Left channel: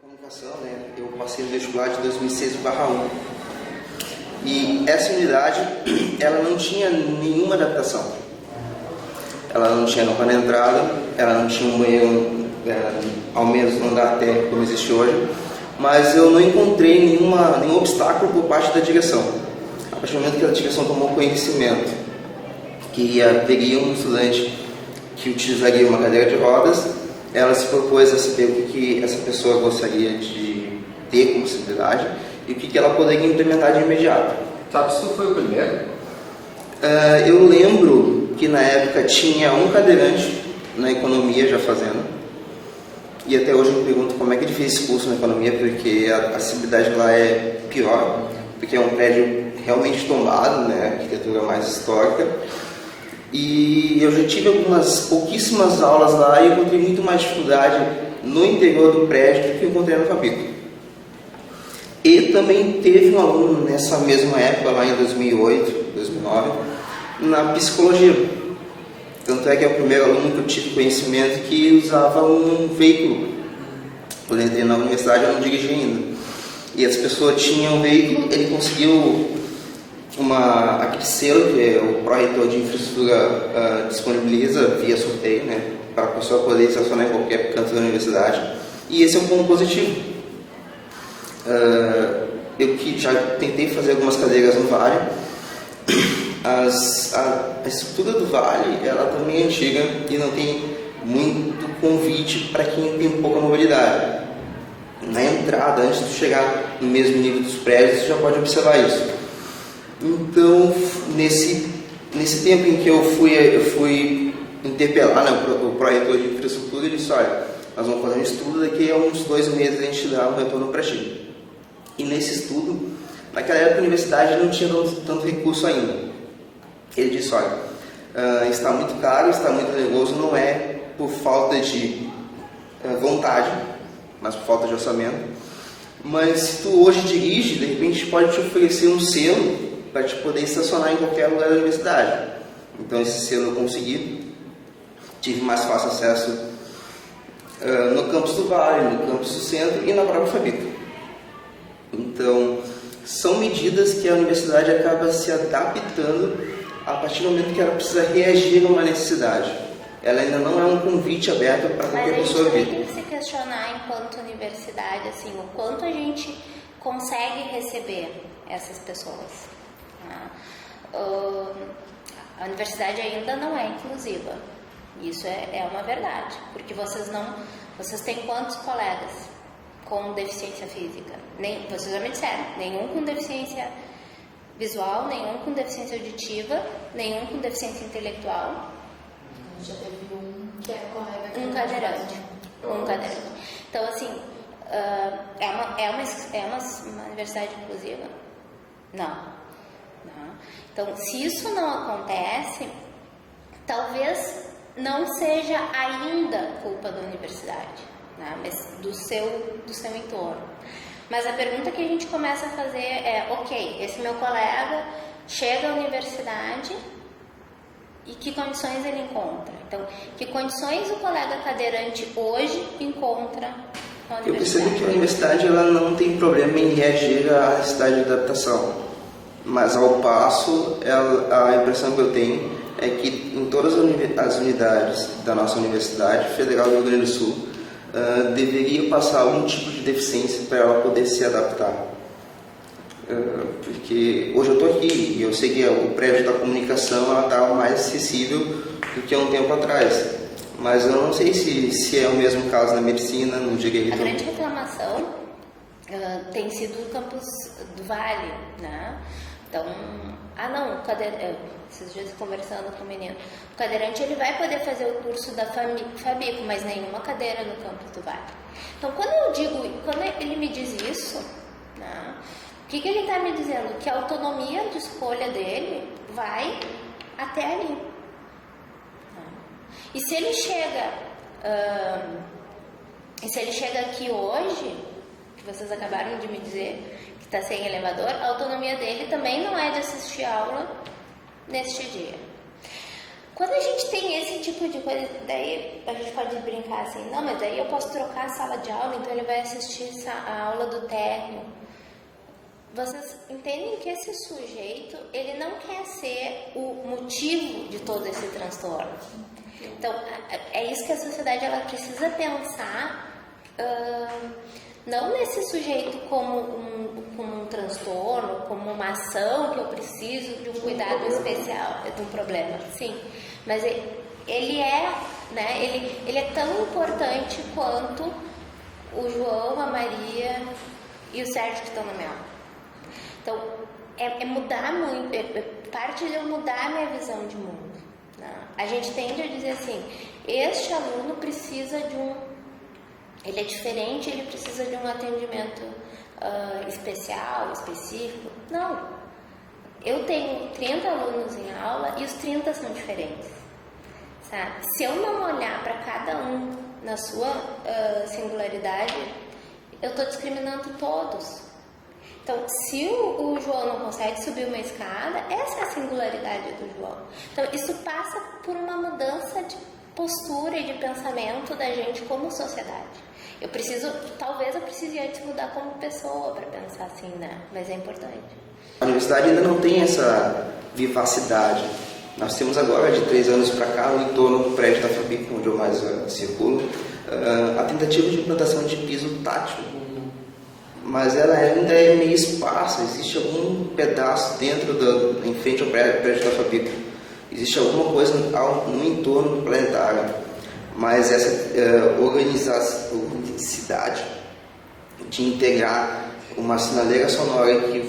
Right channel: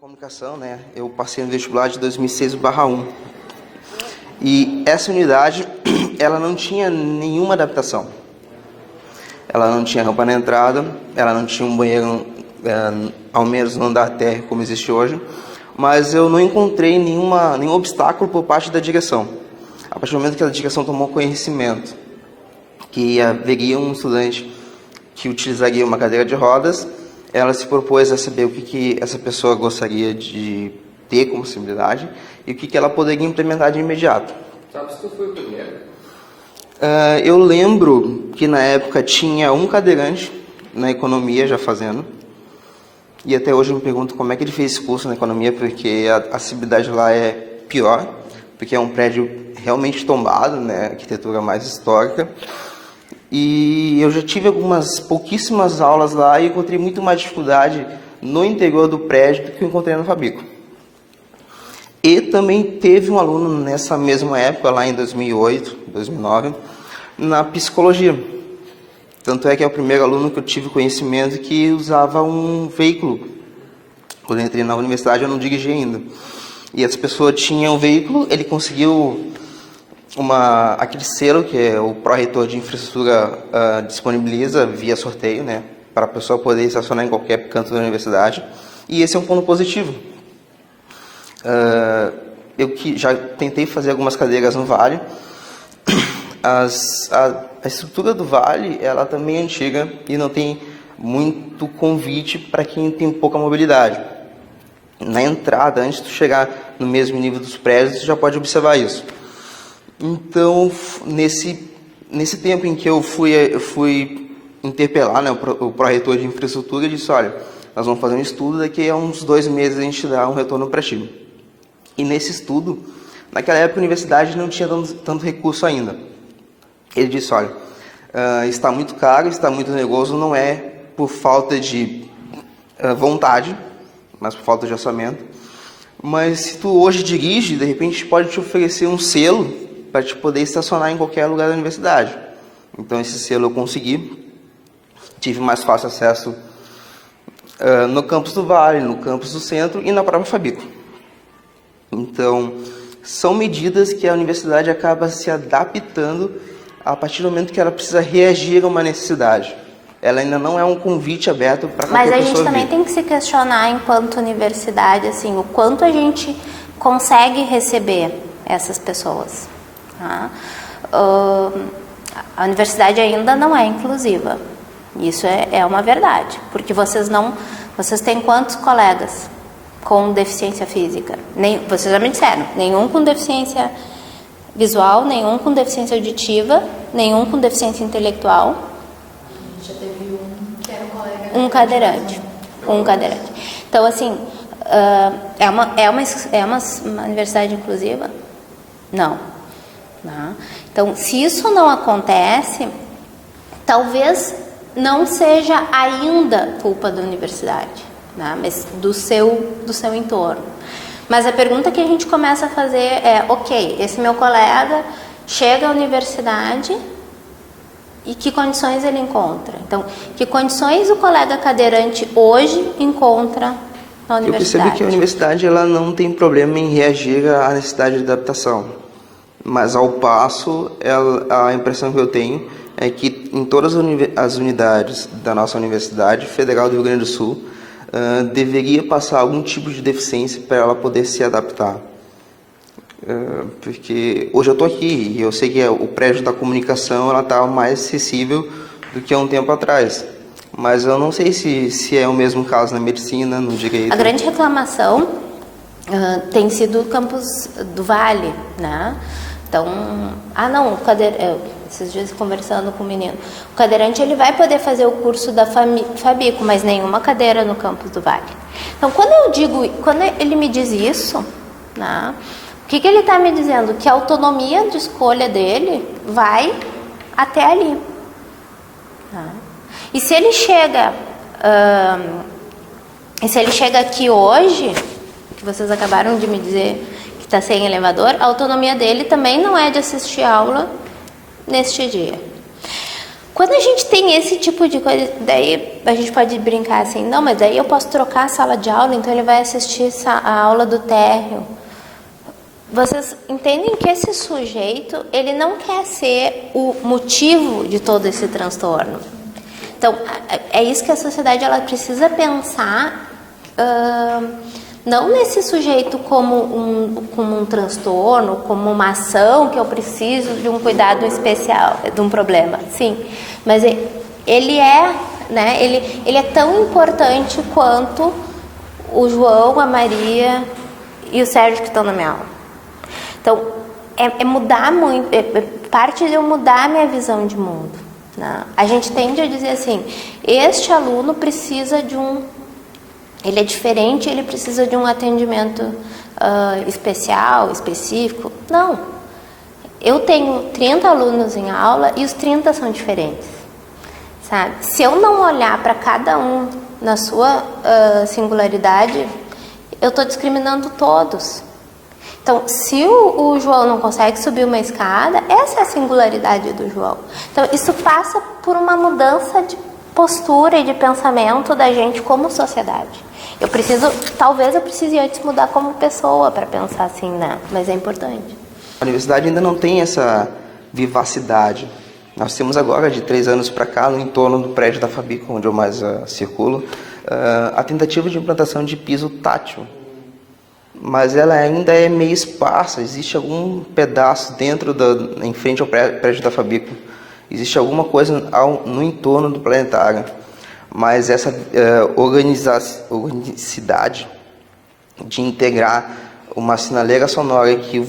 Comunicação, né? Eu passei no vestibular de 2006/1 e essa unidade ela não tinha nenhuma adaptação. Ela não tinha rampa na entrada, ela não tinha um banheiro, ao menos no andar térreo como existe hoje, mas eu não encontrei nenhum obstáculo por parte da direção. A partir do momento que a direção tomou conhecimento que haveria um estudante que utilizaria uma cadeira de rodas, ela se propôs a saber o que essa pessoa gostaria de ter como possibilidade e o que ela poderia implementar de imediato. Sabe se tu foi o primeiro? Eu lembro que na época tinha um cadeirante na economia já fazendo, e até hoje eu me pergunto como é que ele fez esse curso na economia, porque a acessibilidade lá é pior, porque é um prédio realmente tombado, né, arquitetura mais histórica. E eu já tive pouquíssimas aulas lá e encontrei muito mais dificuldade no interior do prédio do que eu encontrei no Fabico. E também teve um aluno nessa mesma época, lá em 2008, 2009, na psicologia. Tanto é que é o primeiro aluno que eu tive conhecimento que usava um veículo. Quando eu entrei na universidade eu não dirigia ainda. E essa pessoa tinha um veículo, ele conseguiu aquele selo que é o pró-reitor de infraestrutura disponibiliza via sorteio, né, para a pessoa poder estacionar em qualquer canto da universidade, e esse é um ponto positivo. Eu que já tentei fazer algumas cadeiras no Vale, a estrutura do Vale ela também é antiga e não tem muito convite para quem tem pouca mobilidade. Na entrada, antes de chegar no mesmo nível dos prédios, você já pode observar isso. Então, nesse tempo em que eu fui interpelar, né, o pró-reitor de infraestrutura, ele disse: olha, nós vamos fazer um estudo, daqui a uns 2 meses a gente dá um retorno para ti. E nesse estudo, naquela época a universidade não tinha tanto recurso ainda. Ele disse: olha, está muito caro, está muito oneroso, não é por falta de vontade, mas por falta de orçamento. Mas se tu hoje dirige, de repente a gente pode te oferecer um selo para te poder estacionar em qualquer lugar da universidade. Então esse selo eu consegui, tive mais fácil acesso no campus do Vale, no campus do Centro e na própria Fabico. Então são medidas que a universidade acaba se adaptando a partir do momento que ela precisa reagir a uma necessidade. Ela ainda não é um convite aberto para qualquer pessoa. Mas a gente também tem que se questionar enquanto universidade, assim, o quanto a gente consegue receber essas pessoas. Tá? A universidade ainda não é inclusiva. Isso é uma verdade, porque vocês têm quantos colegas com deficiência física? Vocês já me disseram, nenhum com deficiência visual, nenhum com deficiência auditiva, nenhum com deficiência intelectual. Já teve um que era um colega. Um cadeirante. Então, assim, é uma universidade inclusiva? Não. Tá? Então, se isso não acontece, talvez não seja ainda culpa da universidade, né? Mas do seu entorno. Mas a pergunta que a gente começa a fazer é: ok, esse meu colega chega à universidade e que condições ele encontra? Então, que condições o colega cadeirante hoje encontra na universidade? Eu percebo que a universidade ela não tem problema em reagir à necessidade de adaptação. Mas ao passo, a impressão que eu tenho é que em todas as unidades da nossa Universidade Federal do Rio Grande do Sul deveria passar algum tipo de deficiência para ela poder se adaptar. Porque hoje eu estou aqui e eu sei que o prédio da comunicação está mais acessível do que há um tempo atrás. Mas eu não sei se é o mesmo caso na medicina, no direito. A grande reclamação tem sido o campus do Vale, né? Então, esses dias conversando com o menino, o cadeirante ele vai poder fazer o curso da Fabico, mas nenhuma cadeira no campus do Vale. Então, quando ele me diz isso, né, o que ele está me dizendo? Que a autonomia de escolha dele vai até ali. Né? E se ele chega aqui hoje, que vocês acabaram de me dizer que está sem elevador, a autonomia dele também não é de assistir aula neste dia. Quando a gente tem esse tipo de coisa, daí a gente pode brincar assim, não, mas daí eu posso trocar a sala de aula, então ele vai assistir a aula do térreo. Vocês entendem que esse sujeito, ele não quer ser o motivo de todo esse transtorno. Então, é isso que a sociedade ela precisa pensar, não nesse sujeito como um transtorno, como uma ação que eu preciso de um cuidado especial, de um problema, sim. Mas ele é, né, ele é tão importante quanto o João, a Maria e o Sérgio que estão na minha aula. Então, é mudar muito, parte de eu mudar a minha visão de mundo. Né? A gente tende a dizer assim, este aluno precisa de ele é diferente, ele precisa de um atendimento especial, específico. Não. Eu tenho 30 alunos em aula e os 30 são diferentes. Sabe? Se eu não olhar para cada um na sua singularidade, eu estou discriminando todos. Então, se o João não consegue subir uma escada, essa é a singularidade do João. Então, isso passa por uma mudança de postura e de pensamento da gente como sociedade. Talvez eu precise antes mudar como pessoa para pensar assim, né? Mas é importante. A universidade ainda não tem essa vivacidade. Nós temos agora, de 3 anos para cá, no entorno do prédio da Fabico, onde eu mais circulo, a tentativa de implantação de piso tátil. Mas ela ainda é meio esparsa, existe algum pedaço em frente ao prédio da Fabico. Existe alguma coisa no entorno do planetário. Mas essa organicidade de integrar uma sinaleira sonora que o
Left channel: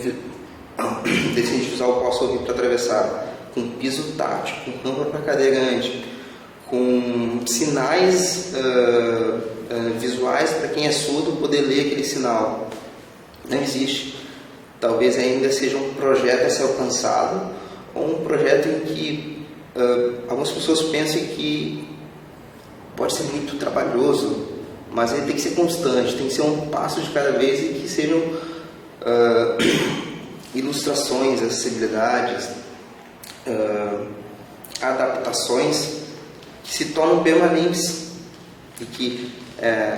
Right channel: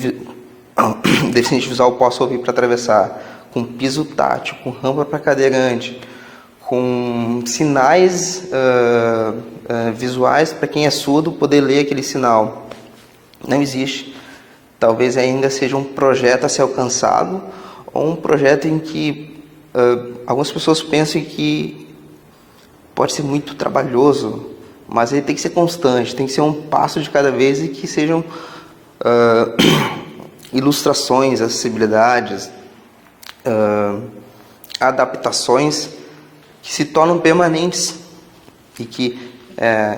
deficiente visual possa ouvir para atravessar, com piso tátil, com rampa para cadeirante, com sinais visuais para quem é surdo poder ler aquele sinal, não existe. Talvez ainda seja um projeto a ser alcançado, ou um projeto em que algumas pessoas pensam que pode ser muito trabalhoso, mas ele tem que ser constante, tem que ser um passo de cada vez e que sejam ilustrações, acessibilidades, adaptações que se tornam permanentes e que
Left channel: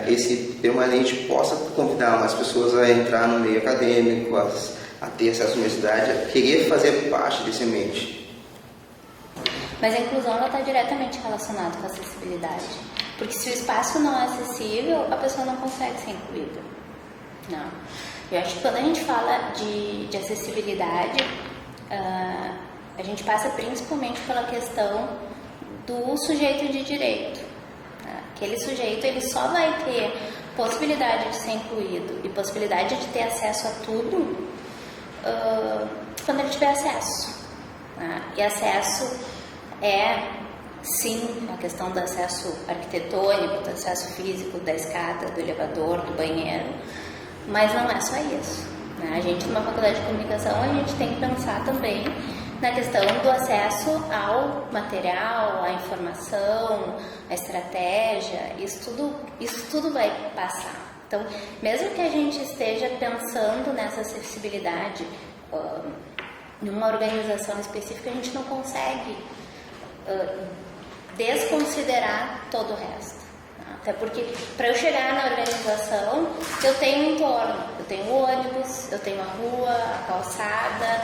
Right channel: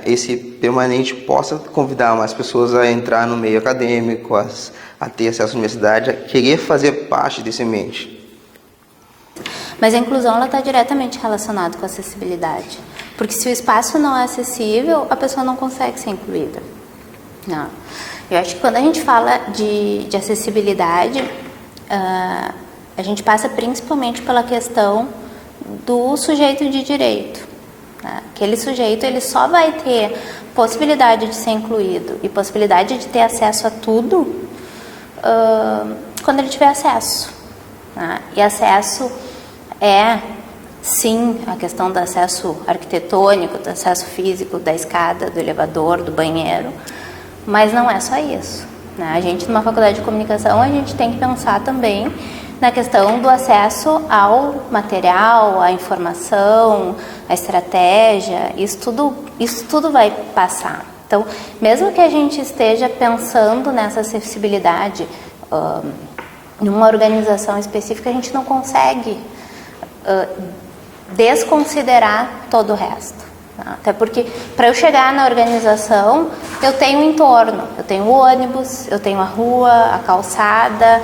esse permanente possa convidar mais pessoas a entrar no meio acadêmico, a ter acesso à universidade, a querer fazer parte desse ambiente. Mas a inclusão está diretamente relacionada com a acessibilidade. Porque se o espaço não é acessível, a pessoa não consegue ser incluída. Não. Eu acho que quando a gente fala de acessibilidade, a gente passa principalmente pela questão do sujeito de direito. Né? Aquele sujeito ele só vai ter possibilidade de ser incluído e possibilidade de ter acesso a tudo quando ele tiver acesso. Né? E acesso é, sim, a questão do acesso arquitetônico, do acesso físico, da escada, do elevador, do banheiro, mas não é só isso. Né? A gente, numa faculdade de comunicação, a gente tem que pensar também na questão do acesso ao material, à informação, à estratégia, isso tudo vai passar. Então, mesmo que a gente esteja pensando nessa acessibilidade numa organização específica, a gente não consegue desconsiderar todo o resto. Até porque, para eu chegar na organização, eu tenho um entorno, eu tenho o ônibus, eu tenho a rua, a calçada,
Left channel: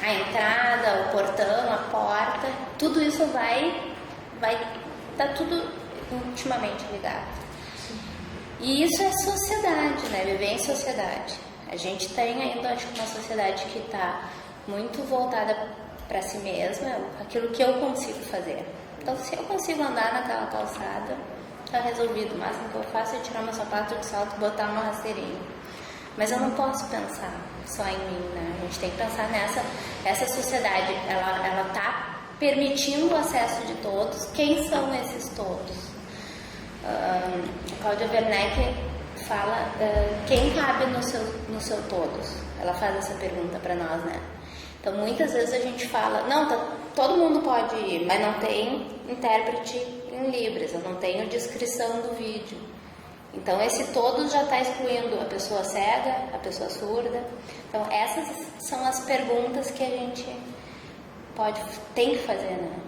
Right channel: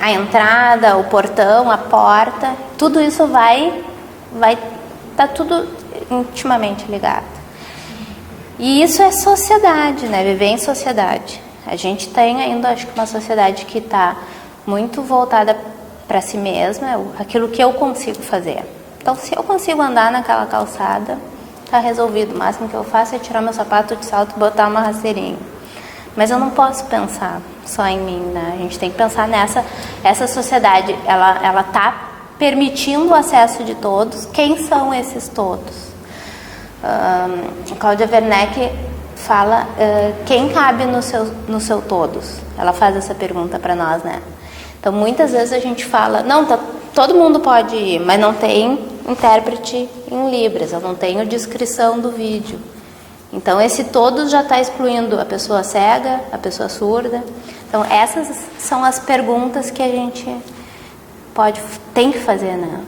a entrada, o portão, a porta, tudo isso vai estar tudo intimamente ligado. E isso é sociedade, né? Viver em sociedade. A gente tem ainda, acho que, uma sociedade que está muito voltada para si mesma, aquilo que eu consigo fazer. Então, se eu consigo andar naquela calçada, está resolvido. O máximo que eu faço é tirar meu sapato de salto e botar uma rasteirinha. Mas eu não posso pensar só em mim, né? A gente tem que pensar essa sociedade, ela está permitindo o acesso de todos. Quem são esses todos? A Cláudia Werneck fala quem cabe no seu todos. Ela faz essa pergunta para nós, né? Então, muitas vezes a gente fala, não, todo mundo pode ir, mas não tem intérprete em Libras, eu não tenho descrição do vídeo. Então, esse todos já está excluindo a pessoa cega, a pessoa surda. Então, essas são as perguntas que a gente tem que fazer, né?